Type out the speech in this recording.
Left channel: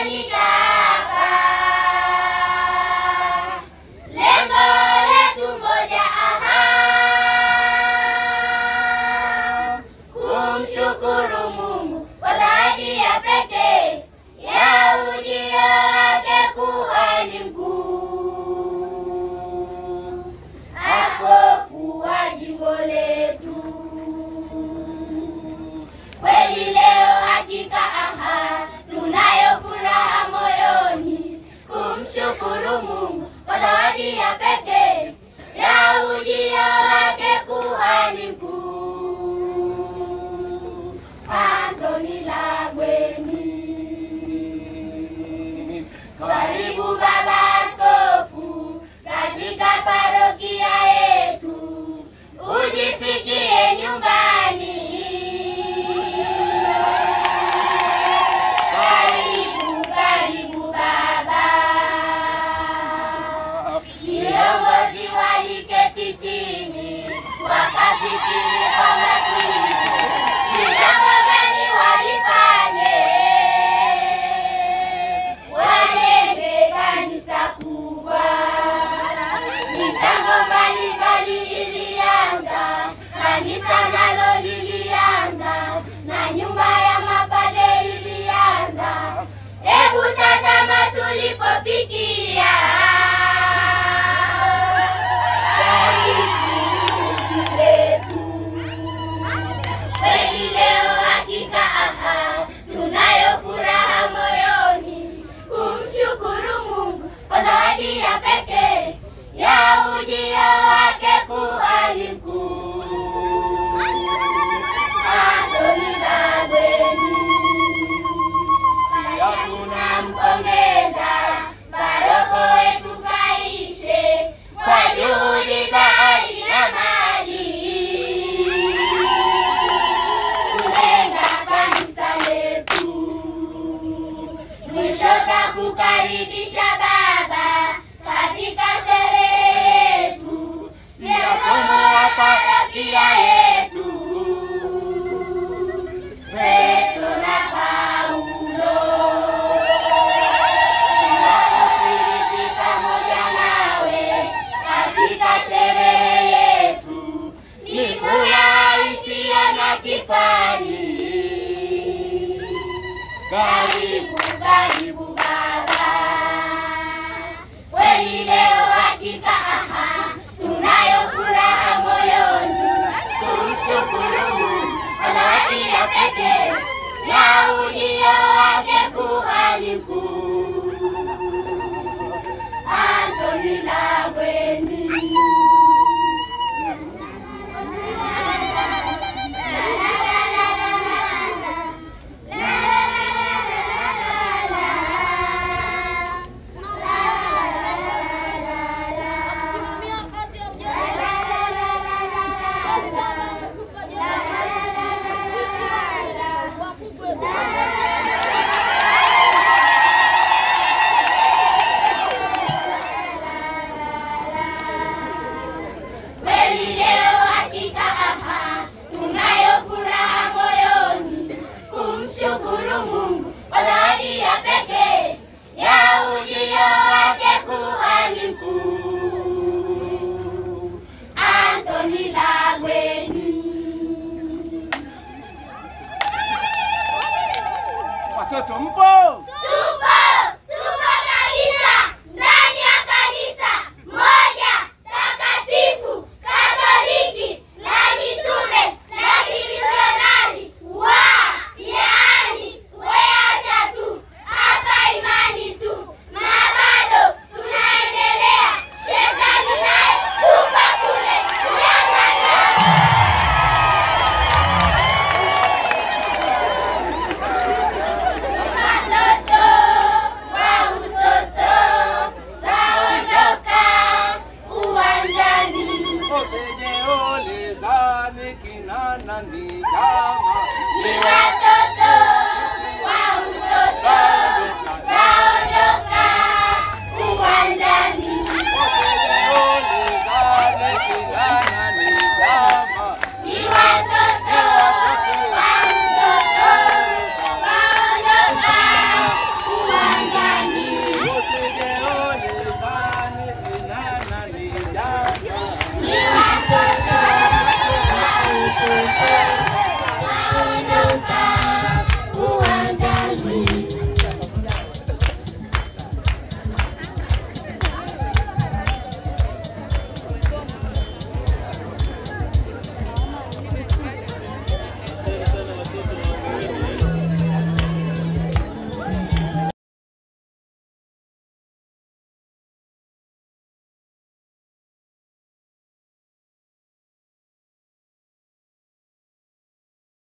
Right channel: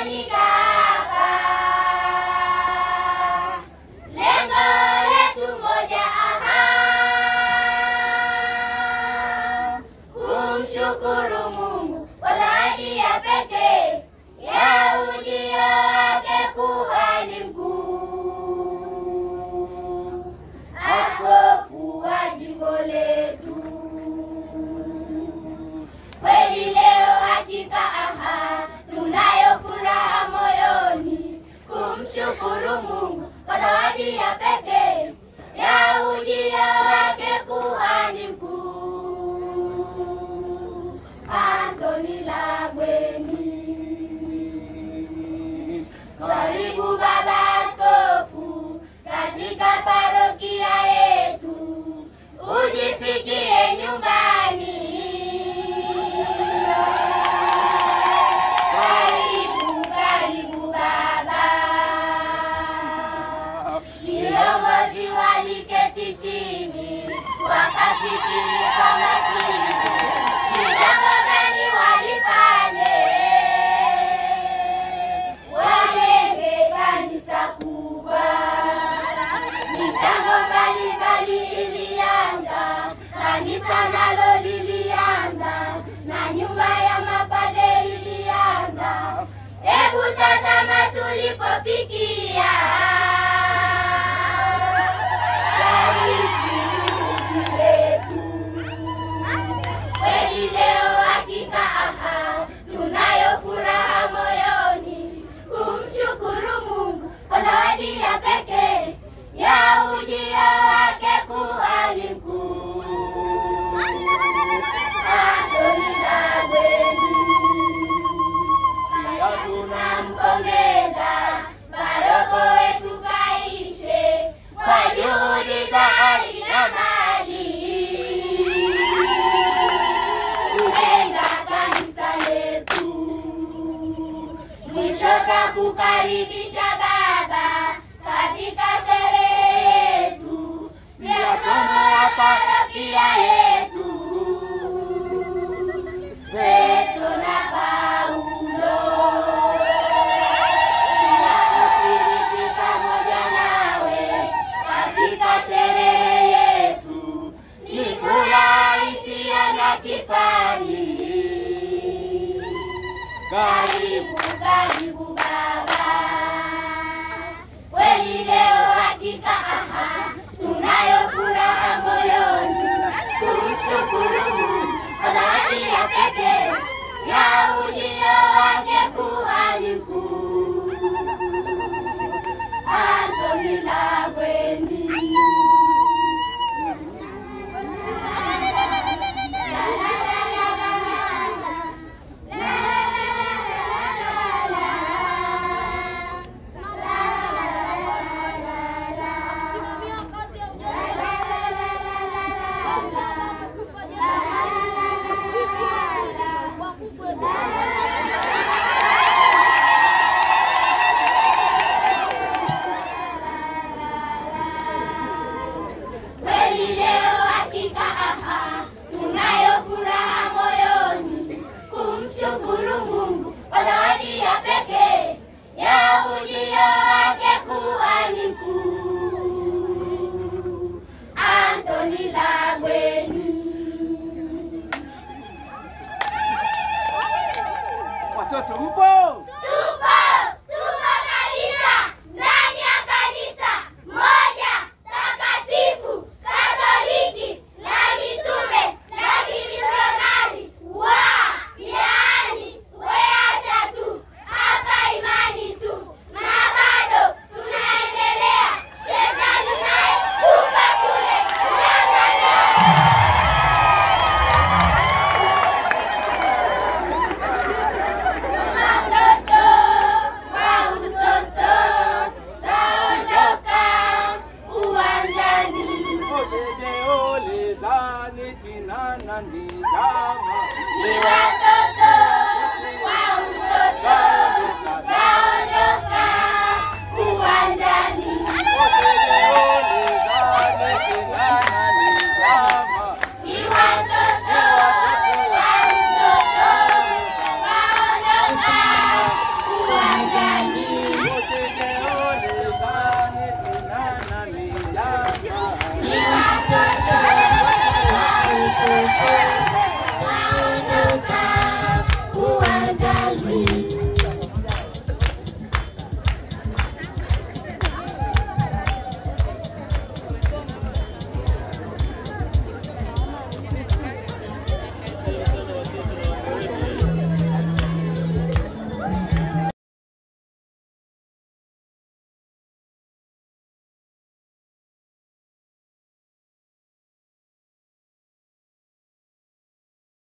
tumekusanyika hapa, lengo letu moja, kumshukuru Mungu kwa zawadi ya pekee ya ujio wake kuhani mkuu, askofu wa jimbo letu. Kweli leo hakika tunayo furaha moyoni, kumshukuru Mungu kwa zawadi ya pekee ya ujio wake kuhani mkuu, Anthony Lagweni. Karibu baba askofu katika parokia yetu, ujisikie nyumbani. Karibu baba. Viongozi waliketi chini wakafikiri kwa makini, ni jambo gani walifanye wajenge kanisa kubwa. Mipango mbalimbali ilianza, kanisa nalo lilianza, na nyumba ya mapadre ilianza. Hebu tazama tulipofikia. Kweli leo hakika tunayo furaha moyoni, kumshukuru Mungu kwa zawadi ya pekee ya ujio wake kuhani mkuu, Anthony Lagweni. Tunampongeza paroko wetu Kaishe kwa juhudi za hali na mali kujenga kanisa letu. Mwisho takukaribisha baba katika sherehe yetu ya somo la parokia yetu, Petro na Paulo. Tunaposhiriki pamoja nawe katika sherehe yetu, ni furaha isiyo na kifani. Karibu baba. Kweli leo hakika tunayo furaha moyoni, kumshukuru Mungu kwa zawadi ya pekee ya ujio wake kuhani mkuu, Anthony Lagweni. Kweli leo hakika tunayo furaha moyoni, kumshukuru Mungu kwa zawadi ya pekee ya ujio wake kuhani mkuu, Anthony Lagweni. Watoto mpo? Tupo kabisa ndani ya kanisa moja takatifu Katoliki la mitume la kimisionari yaani weacha tu hapa imani tu, na bado tunaendelea. Shetani naye tupa kule kulangana. Watoto wa utoto taondoka uwanjani. Obeje olezani kinana ni jama.